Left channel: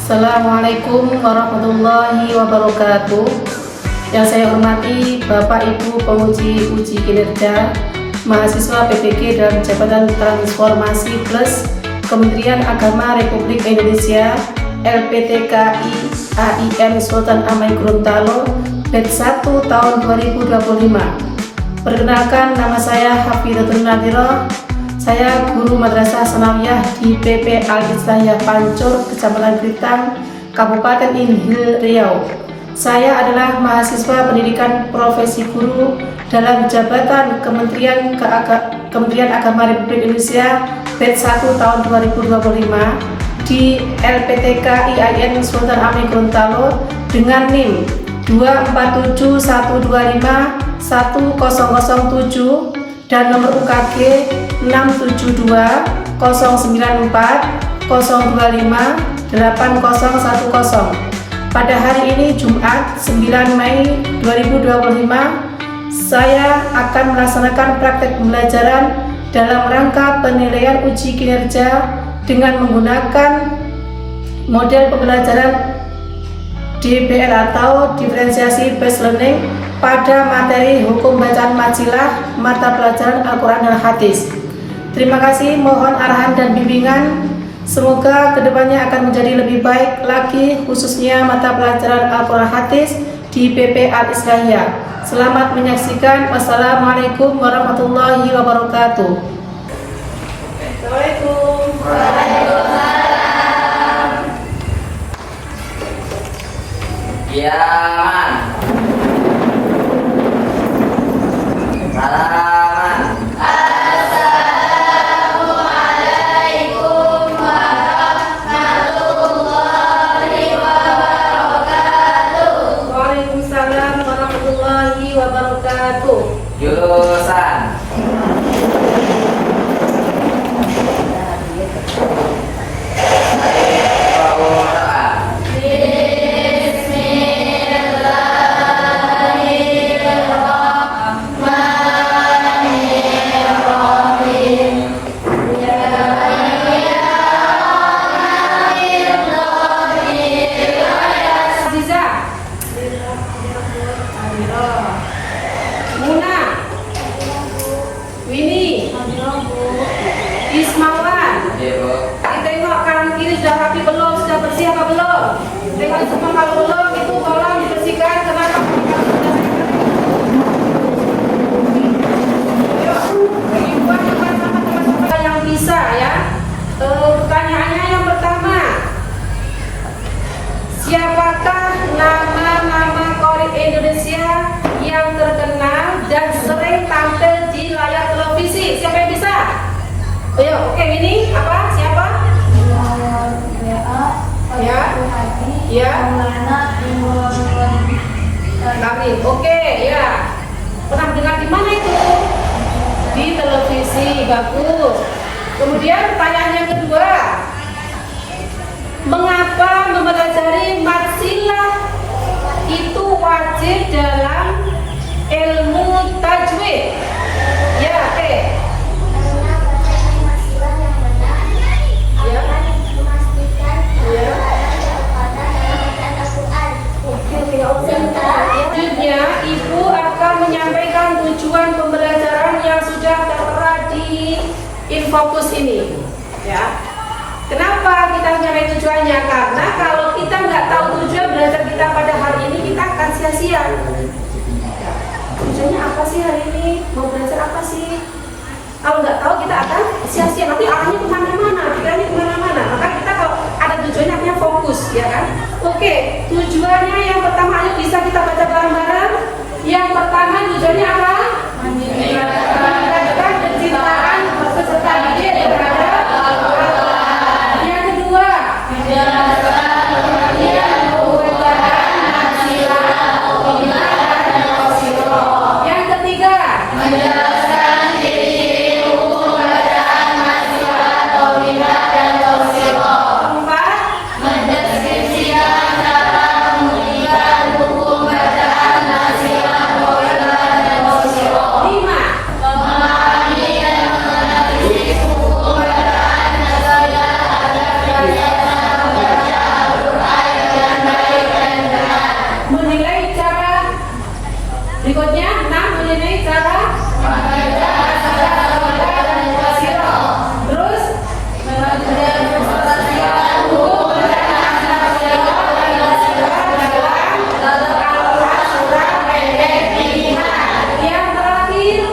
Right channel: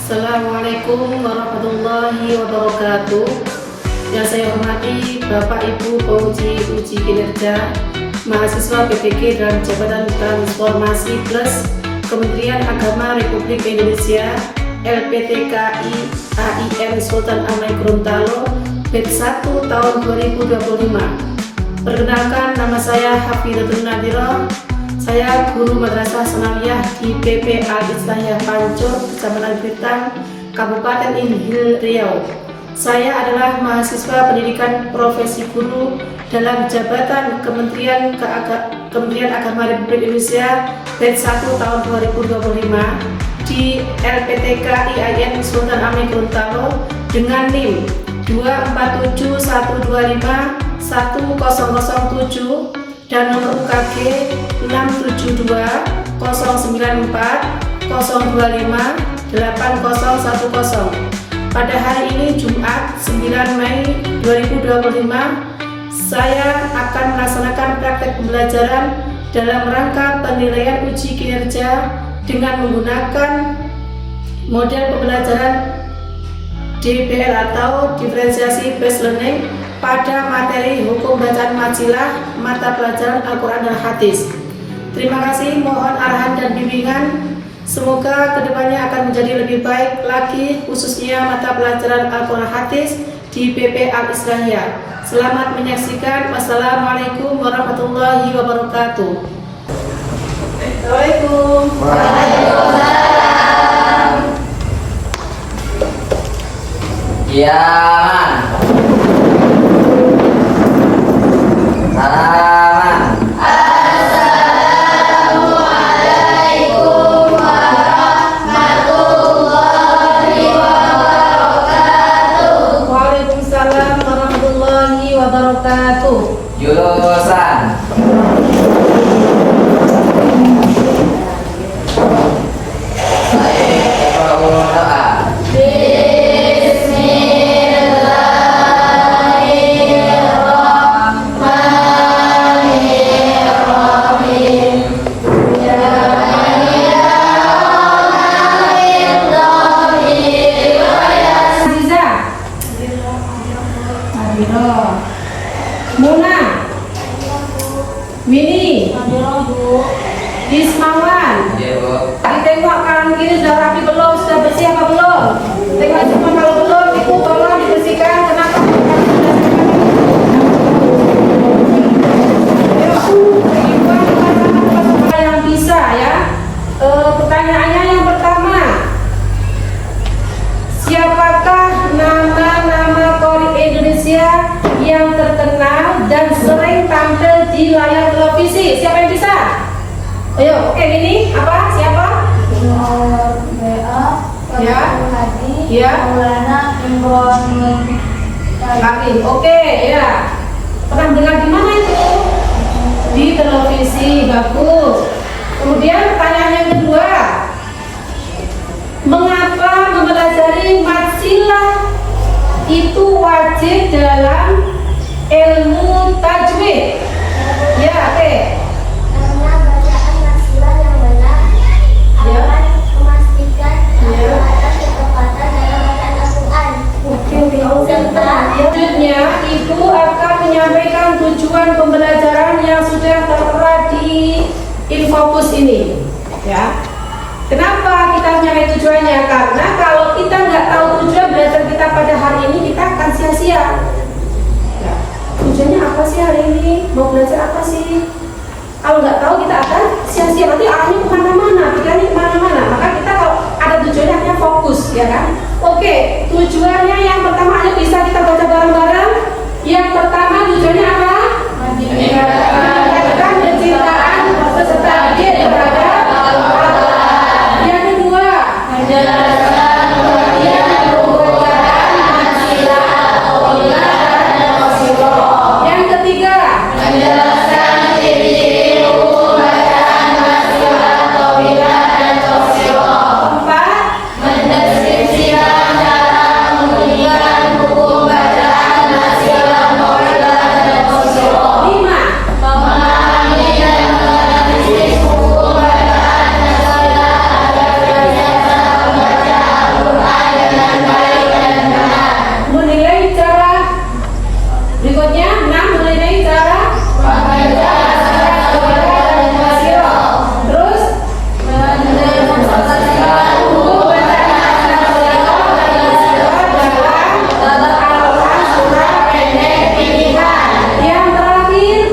Assalamualaikum warahmatullahi wabarakatuh. Yang saya hormati Bapak Ibu penguji uji kinerja mahasiswa PPG dalam Jabatan Transformasi Plus Kementerian Agama Republik Indonesia LPTKI AIN Sultan Amai Gorontalo batch 1 tahun 2025. Perkenalkan, nama saya Hafizatul Nadhirah. Saya guru Madrasah Sanawiyah di PP Al-Islahiyah Pancur, Kecamatan Gritang, Kabupaten Inhil, Riau. Saya adalah mahasiswa pendidikan profesi guru dalam Jabatan Kementerian Agama Republik Indonesia batch 1 tahun 2025 di LPTK IAIN Sultan Amai Gorontalo dengan NIM 24712510007 dan nomor UKG 6720940258010. Pada hari ini Jumat 9 Mei 2025, saya akan melaksanakan praktek pembelajaran dalam rangka penilaian uji kinerja dengan menggunakan model pembelajaran DBL atau Diferensiasi Based Learning pada materi hukum bacaan majilah mata pelajaran Al-Quran dan Hadis. Terima kasih, mohon arahan dan bimbingan. Semoga kedepannya akan menjadi lebih baik lagi, khususnya mata pelajaran Al-Quran Hadis di PP Al-Islahiyah. Selamat menyaksikan. Wassalamualaikum warahmatullahi wabarakatuh. Assalamualaikum. Waalaikumsalam. Ya, man. Salaman. Assalamualaikum warahmatullahi wabarakatuh. Waalaikumsalam warahmatullahi wabarakatuh. Jurusan. Muna, Winnie, Ismawan. Ditengok kanan kiri sudah rapi belum, sudah bersih apa belum? Tengok itu kalau belum, itu tolong dibersihkan. Kenapa? Yang bisa ya. Pertanyaannya yang pertama, siapakah nama-nama qori Indonesia yang terkenal dan sering tampil di layar televisi? Siapa yang bisa? Ayo, oke, ini apa? Siapa? Ya, ya. Amin. Oke, ya. Pernah dengar di mana itu? Di televisi, bagus. Kemudian pertanyaan yang kedua, mengapa mempelajari matsilah itu wajib dalam ilmu tajwid? Ya, oke. Karena bacaan maksimal yang benar akan memastikan kebenaran ketepatan dalam bacaan Al-Quran. Selanjutnya, Ibu akan menyampaikan tujuan pembelajaran yang sudah tertera di Infopus ini. Ya. Kenapa kita menyampaikan tujuannya? Karena kalau kita nggak tahu tujuan belajar kita pada hari ini, kita akan sia-sia. Ya. Tujuannya apa sih hari ini? Mau belajar apa sih? Kalau nggak tahu kita akan sia-sia. Nanti arahnya kemana-mana, pikirannya kemana-mana. Maka kita kalau ada tujuannya akhirnya fokus, ya kan? Oke, tujuannya yang pertama, ayo bisa kita baca bareng-bareng. Yang pertama tujuannya apa? Meningkatkan kecintaan peserta didik kepada Allah. Yang kedua, menjelaskan pengertian pembacaan maksilah, qawiyah, dan qasirah. Yang ketiga, menjelaskan ciri-ciri hukum bacaan maksilah, qawiyah, dan qasirah. Keempat, mendeskripsikan cara menunjukkan hukum bacaan maksilah, qawiyah, dan qasirah. 5, memahami dan menganalisis hukum bacaan maksilah agar belajar enam mulai cara terus yang terakhir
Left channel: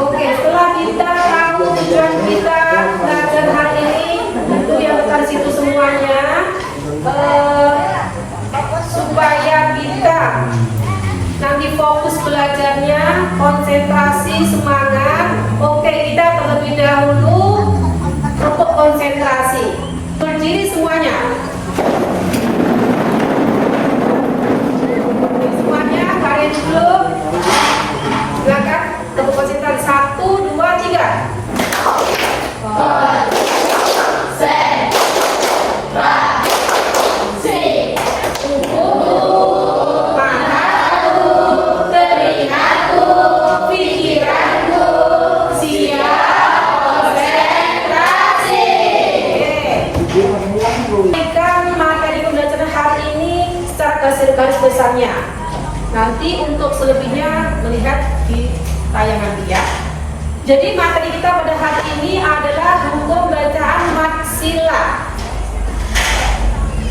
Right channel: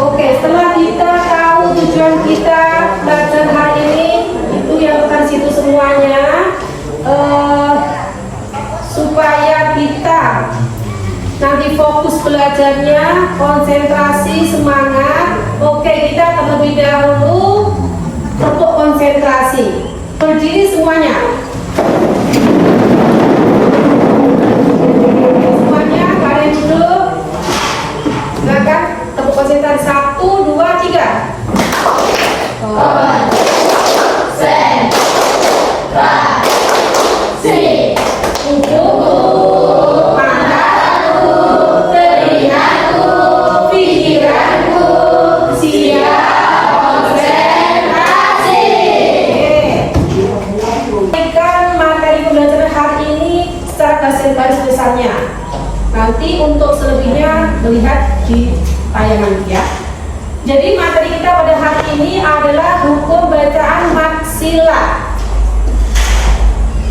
oke, setelah kita tahu tujuan kita belajar hari ini, itu yang akan situ semuanya, supaya kita nanti fokus belajarnya, konsentrasi, semangat. Oke, kita terlebih dahulu tepuk konsentrasi. Berdiri semuanya. Semuanya kalian dulu. Silakan tepuk konsentrasi. 1, 2, 3. Materi pembelajaran hari ini secara garis besarnya. Nanti untuk selebihnya melihat di tayangan ya. Jadi materi kita pada hari ini adalah hukum bacaan maksilah.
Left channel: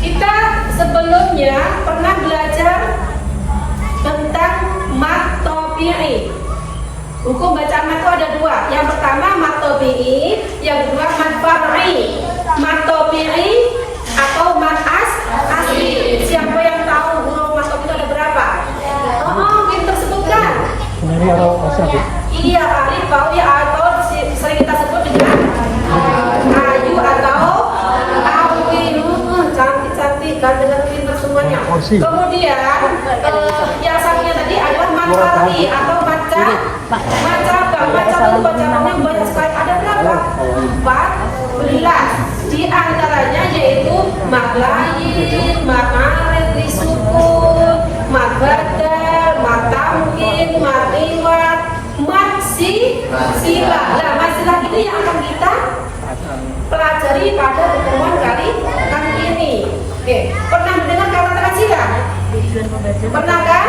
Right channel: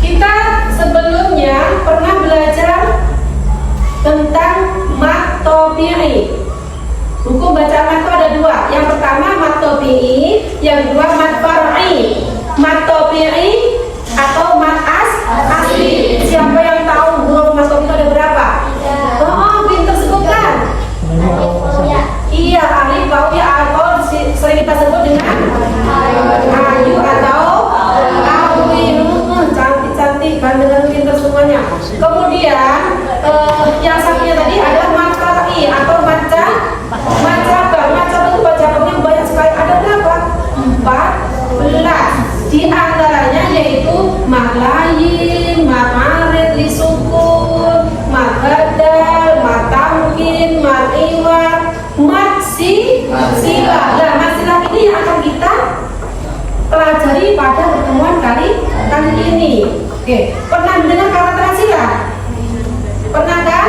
Kita sebelumnya pernah belajar tentang mat tabi'i. Hukum bacaan mat itu ada dua. Yang pertama mat tabi'i, yang kedua mat far'i. Mat tabi'i atau mat asli. Siapa yang tahu huruf mat tabi'i itu ada berapa? Oh, pinter sebutkan. Iya, alif, bau, ya, atau sering kita sebut dengan ayu atau alif. Cantik-cantik, dengan pinter semuanya. Kemudian yang satunya tadi adalah mat far'i atau macam itu bacaannya banyak sekali. Ada berapa? 14. Di antaranya yaitu mat layin, mat marid, disukun, mat badal, mat tamkin, mat iwad, mat silah. Nah, maksilah ini yang akan kita pelajari pada pertemuan kali ini. Oke, pernah mendengar kata transila? Pernah kan?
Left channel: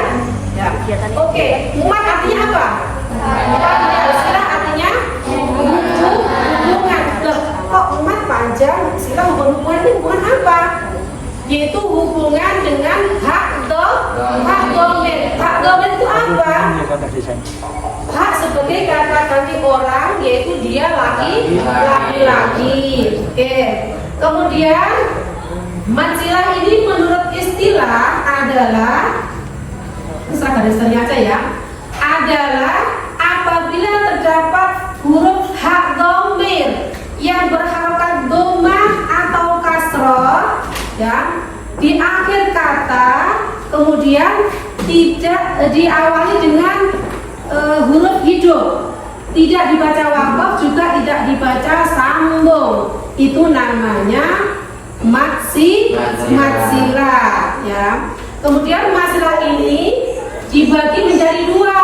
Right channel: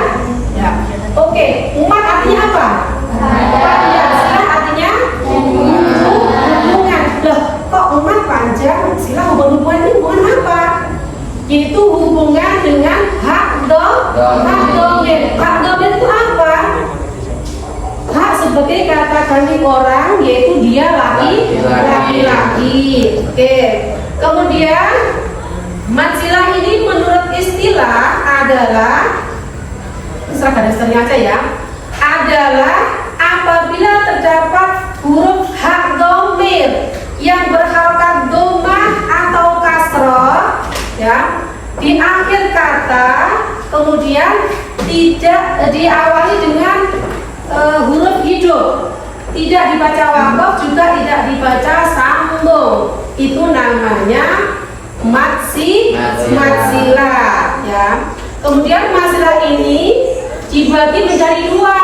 Ya. Oke, mat artinya apa? Panjang. Silah artinya hubungan. Loh, kok mat panjang? Silah hubungan itu hubungan apa? Yaitu hubungan dengan hak domen. Hak domen itu apa? Hak sebagai kata ganti orang, yaitu dia laki-laki. Oke. Kemudian maksilah ini menurut istilah adalah, serah garis besarnya aja ya, adalah apabila terdapat huruf hak dhamir yang berharokat dhammah atau kasroh ya di akhir kata, kemudian tidak diawali dengan huruf hidup, tidak dibaca waqaf, juga tidak dibaca sambung. Itu namanya maksilah ya. Kemudian maksilah ini dibagi menjadi dua.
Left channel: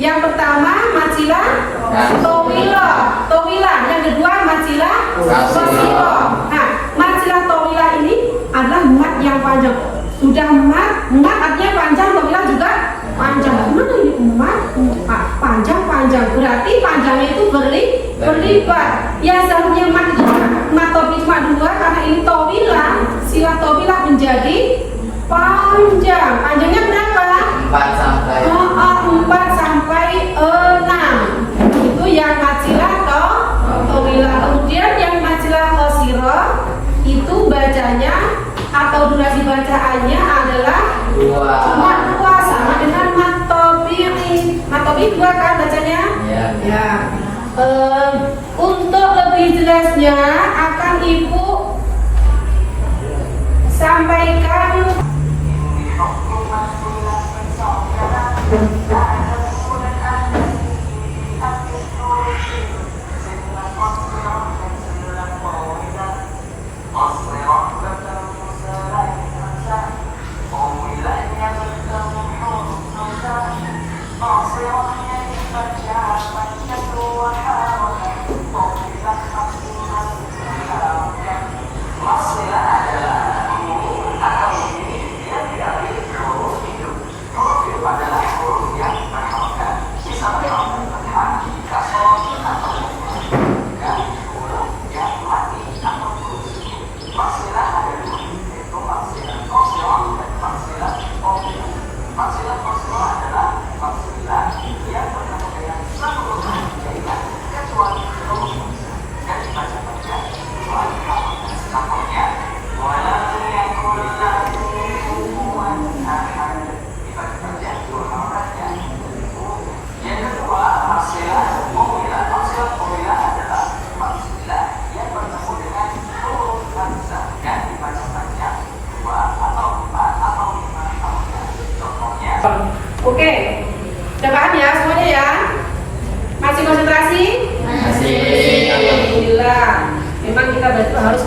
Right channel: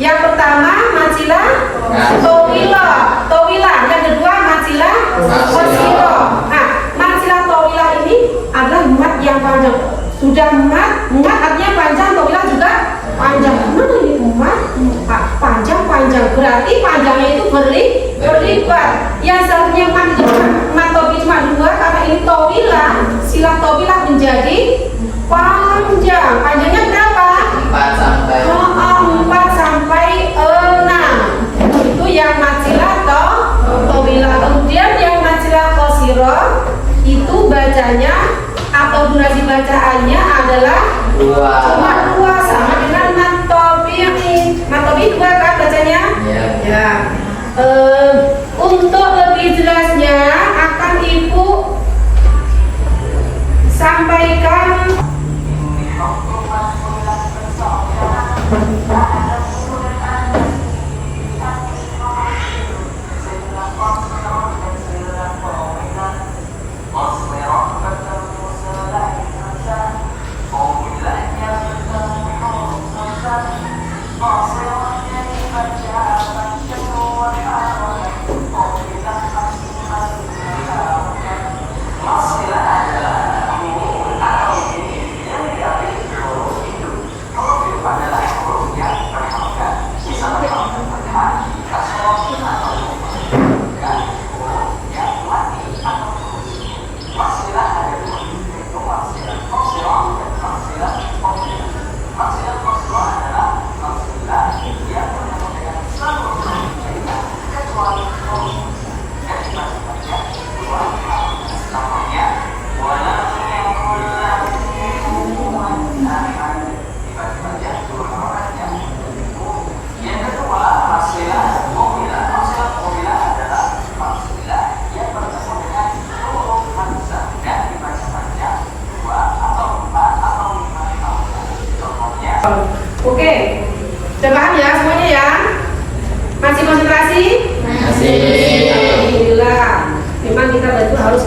Yang pertama maksilah tawilah, yang kedua maksilah qasirah. Nah, maksilah tawilah ini adalah mat yang panjang. Sudah mat artinya panjang, tawilah juga panjang. Mana ini mat panjang, berarti panjangnya itu berlipat. Yang seharusnya mat tawilah cuma dua, karena ini tawilah, silah tawilah menjadi panjang. Panjangnya berapa? 4 sampai 6. Itu yang maksilah tawilah. Kemudian yang maksilah qasirah itu bacanya atau durasi bacaannya adalah 2 sama dengan mat tabi'i. Mat tabi'i 2 kan bacanya? Ya. Untuk lebih jelasnya akan Ibu sampaikan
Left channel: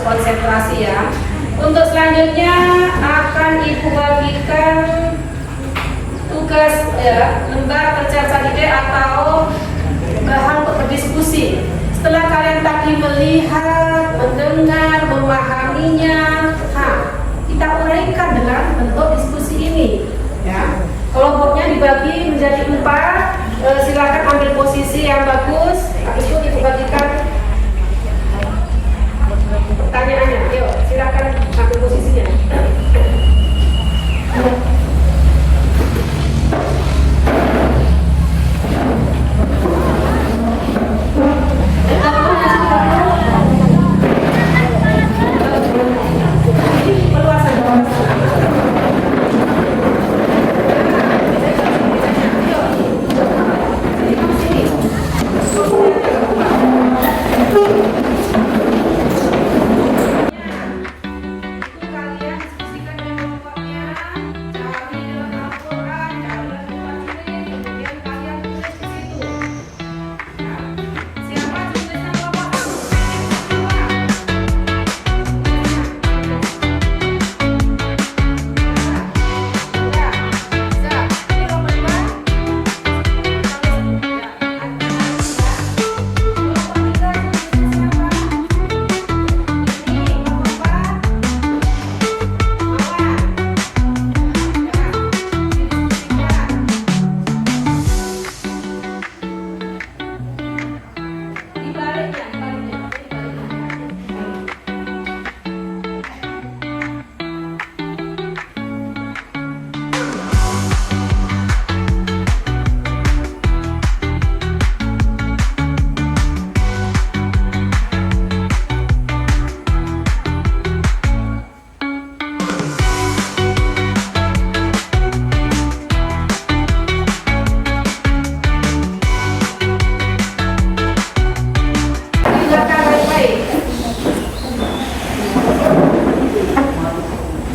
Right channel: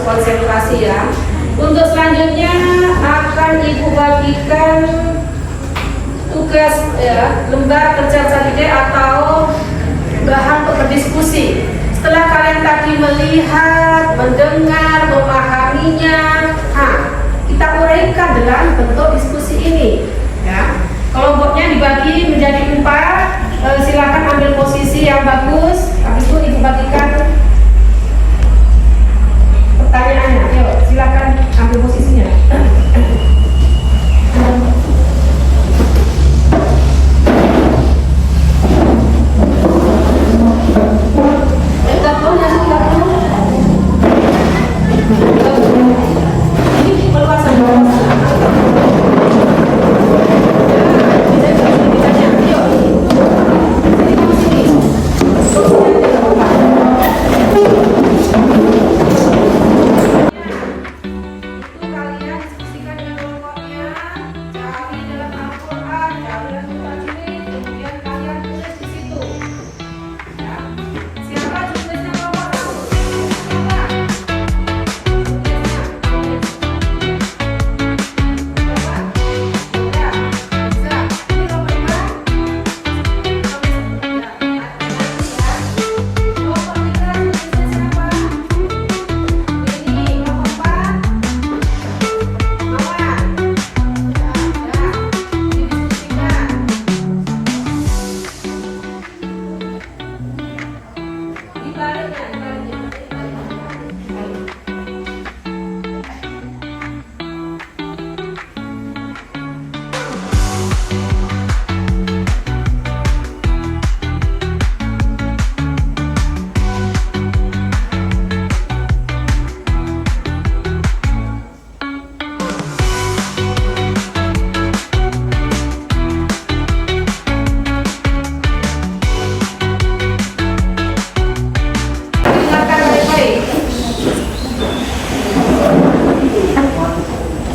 konsentrasi ya. Untuk selanjutnya akan Ibu bagikan tugas ya, lembar kerja ide atau bahan untuk berdiskusi. Setelah kalian tadi melihat, mendengar, memahaminya, kita uraikan dalam bentuk diskusi ini. Ya. Kelompoknya dibagi menjadi 4. Silakan ambil posisi yang bagus. Habis itu Ibu bagikan pertanyaannya. Yuk, silakan ambil posisinya.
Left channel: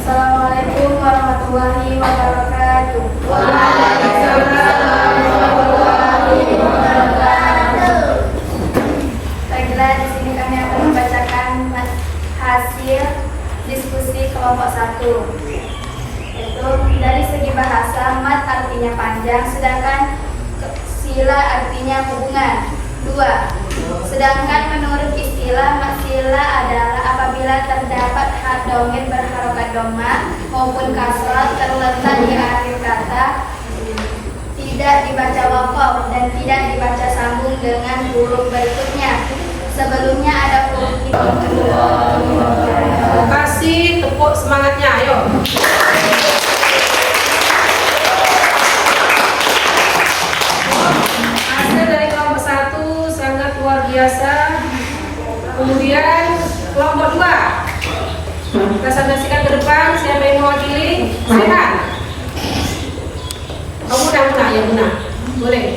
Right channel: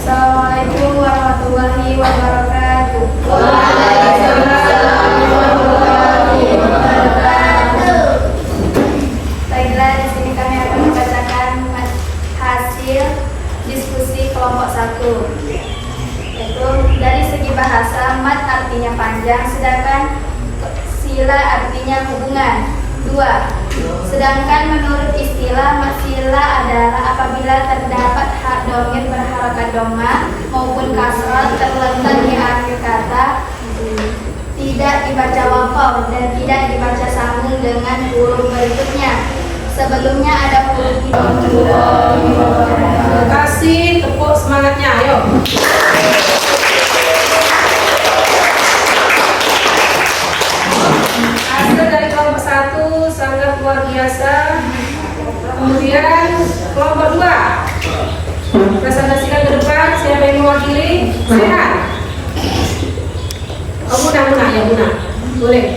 Assalamualaikum warahmatullahi wabarakatuh. Baiklah, di sini kami akan membacakan hasil diskusi kelompok 1. Yaitu dari segi bahasa, mat artinya panjang, sedangkan sila artinya hubungan. 2. Sedangkan menurut istilah, mat sila adalah apabila terdapat hak domir berharokat doma maupun kasrah terletak di akhir kata, tidak dibaca wakof dan tidak dibaca sambung dengan huruf berikutnya. Sebelumnya ada huruf. Terima kasih, tepuk semangatnya, ayo. Hasil dari kelompok 1 sangat luar biasa. Kemudian kelompok 2, presentasikan ke depan. Siapa yang mewakili? Silakan. Oh, Muna ya, Muna. Boleh.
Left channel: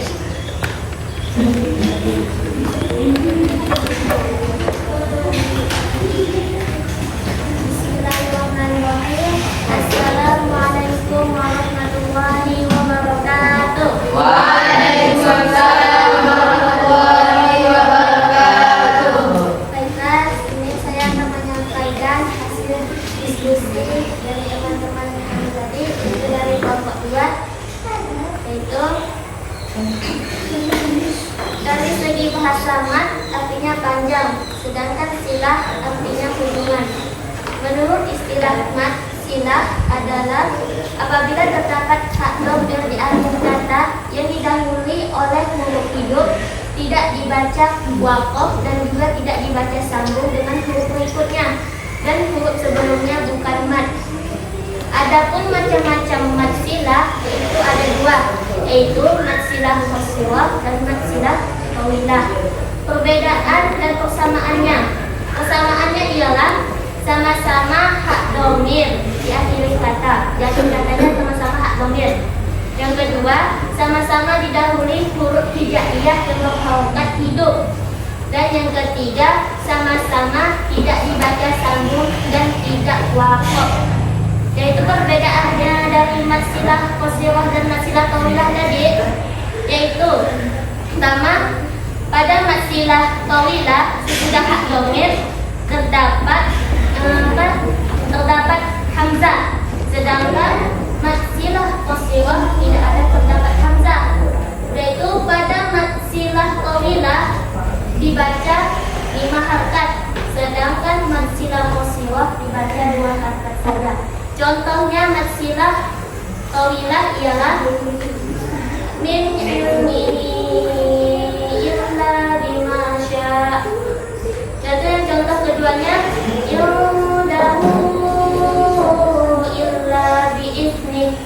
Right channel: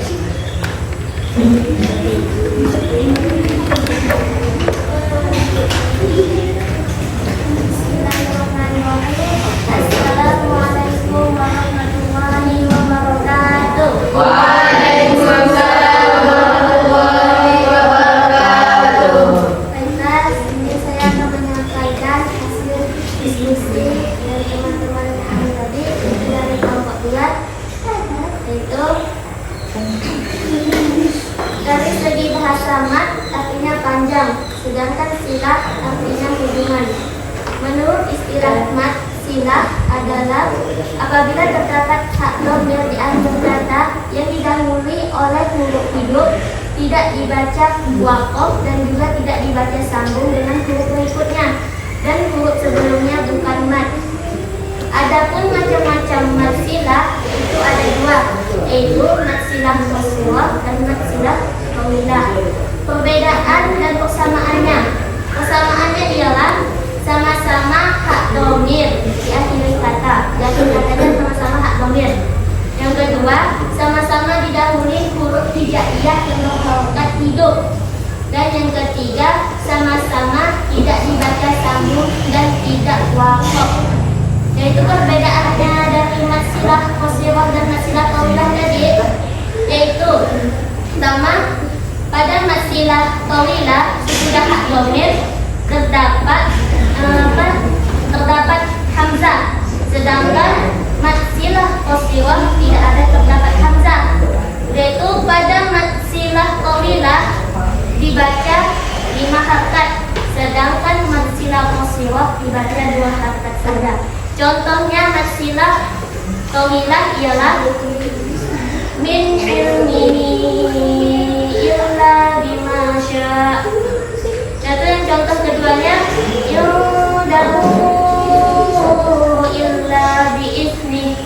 Bismillahirrahmanirrahim. Assalamualaikum warahmatullahi wabarakatuh. Waalaikumsalam warahmatullahi wabarakatuh. Baiklah, ini saya akan menyampaikan hasil diskusi dari teman-teman kami tadi, itu dari kelompok 2, yaitu dari segi bahasa mat artinya panjang, sedangkan silah artinya hubungan. Menurut istilah mat, silah adalah apabila terdapat hak domir di akhir kata yang didahului oleh huruf hidup, tidak dibaca wakof dan juga tidak dibaca sambung dengan huruf berikutnya, dan huruf sebelumnya bukan mat. Adapun macam-macam mat silah itu ada 2, yaitu mat silah qasirah dan mat silah tawilah. Perbedaan dan persamaannya. Persamaannya ialah sama-sama hak domir di akhir kata. Di akhir katanya sama-sama hak domir. Yang kedua, sama-sama didahului huruf hijaiyah yang berharokat hidup. Dan yang ketiga, sama-sama tidak dibaca sambung dan tidak wakof. Yaitu perbedaannya dari mat silah qasirah dan mat silah tawilah tadi, yaitu pertama, pada mat silah tawilah sudah hak domir terdapat dua harakat saja. Contohnya mad silah tawilah ialah min ilmihi illa bima syaa. Dan contoh keduanya yudahu illa biizni.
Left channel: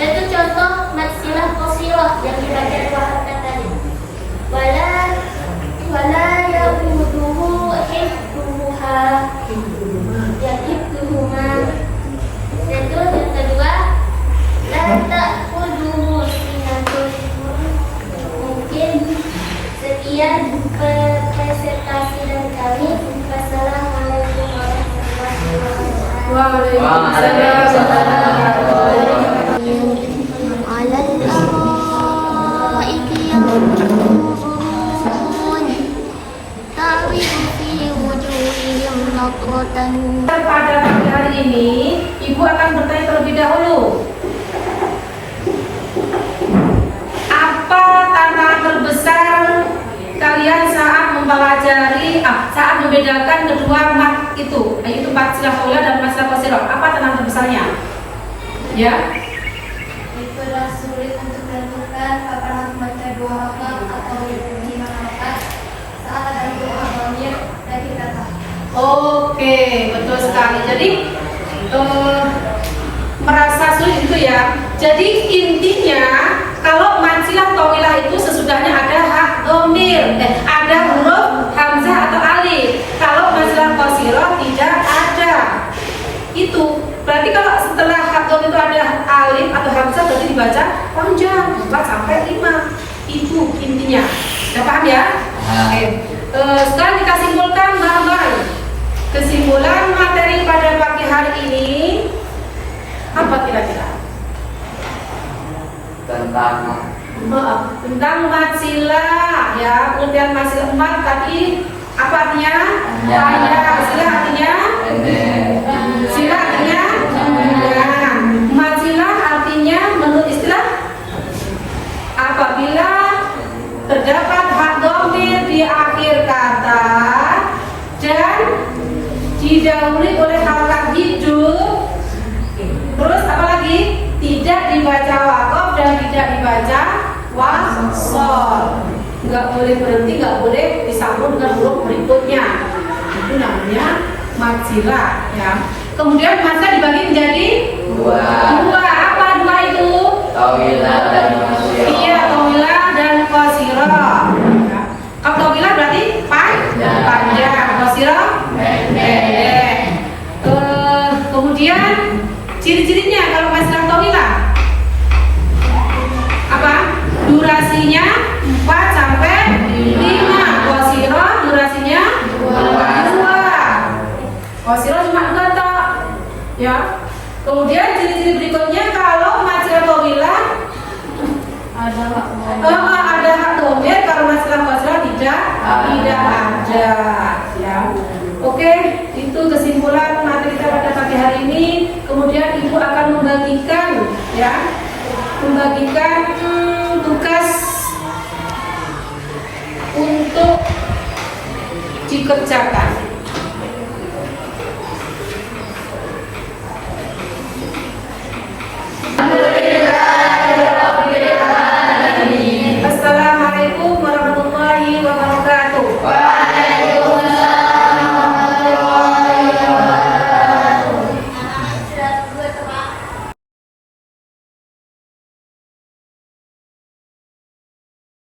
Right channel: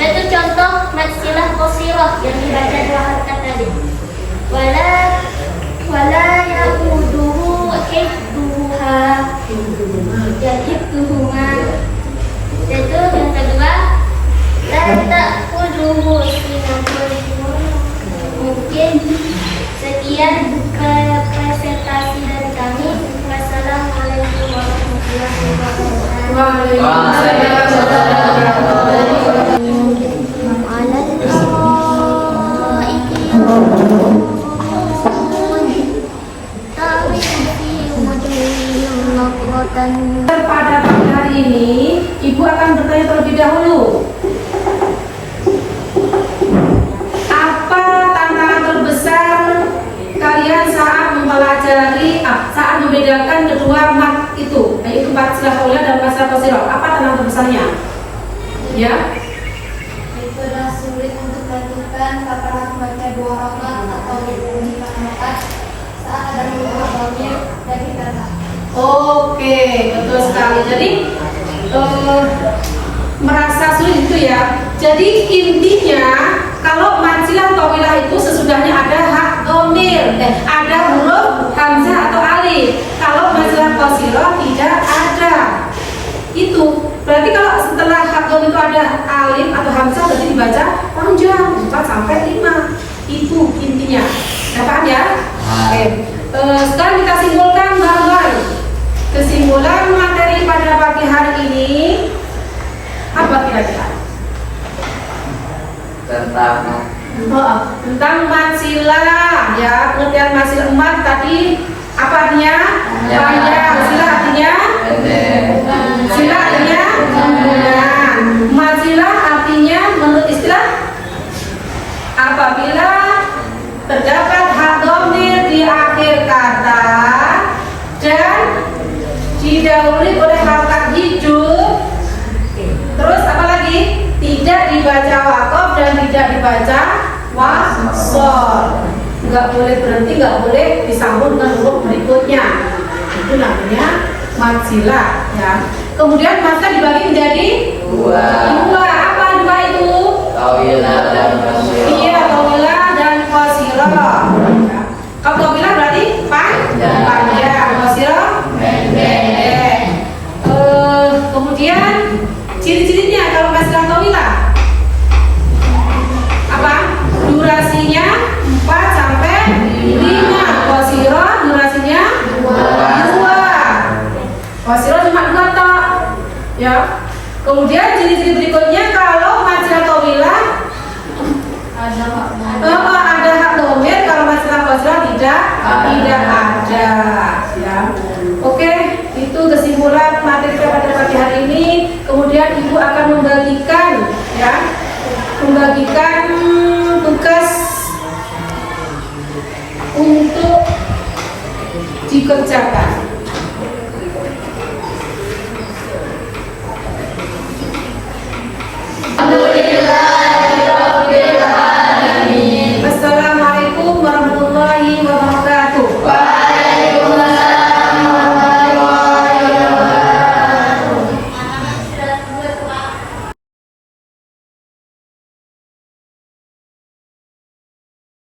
Itu contoh mad silah qasirah yang dibaca dua harakat tadi. Wala yahuduhu hifduha. Hifduhuma. Itu yang kedua, la ta'khudhuhu sinatun. Mungkin sekian presentasi dari kami. Wassalamualaikum warahmatullahi wabarakatuh. Waalaikumsalam warahmatullahi wabarakatuh. Alal araiki yanzurun ta'rifu fi wujuhihim nadratan. Pada pagi hari ini, Ibu akan bertanya terlebih dahulu. Apa tantangan terbesar kalian saat mempelajari, saat membedakan kedua mat itu, yaitu mad silah tawilah dan mad silah qasirah? Apa tantangan terbesarnya? Ya. Itu adalah sulit untuk menentukan kapan harus membaca dua harakat atau 5 harakat saat ada dua dhamir dan kata. Oke, betul sekali. Jadi merasa sulit itu ya. Jadi intinya kalau mad silah tawilah itu sesudahnya ada hak dhamir, ada huruf hamzah atau alif. Kalau mad silah qasirah tidak ada. Itu berarti kalau setelah hak dhamir itu ada alif atau hamzah berarti dibaca panjang 4 sampai 5. Itu intinya. Sudah paham ya? Oke. Sekarang kita simpulkan bareng-bareng. Kesimpulan materi pada pagi hari ini apa kira-kira? Tentang mad silah ya, pengertian mad silah. Mad tadi apa artinya? Panjang. Silah artinya? Silah artinya sambungan. Mad silah artinya menurut istilah apabila terdapat hak dhamir di akhir kata dan didahului oleh harakat hidup. Terus apa lagi? Tidak dibaca waqaf dan tidak dibaca wasol. Nggak boleh berhenti, nggak boleh disambung dengan huruf berikutnya. Itu namanya mad silah ya. Kemudian mad silah dibagi menjadi dua. Apa dua itu? Tawilah dan qasirah. Iya, tawilah dan qasirah. Kalau tawilah berarti panjang, qasirah pendek. Kemudian ciri-cirinya kalau mad silah tawilah apa? Durasinya 4 sampai 5. Qasirah durasinya 2. Qasirah cuma 2 tak? Ya. Kemudian ciri-ciri berikutnya kalau mad silah tawilah ada hak dhamir, kalau mad silah qasirah tidak ada ya. Oke, itu kesimpulan materi kita pada pagi hari ini. Kemudian Ibu akan membagikan tugas untuk dikerjakan.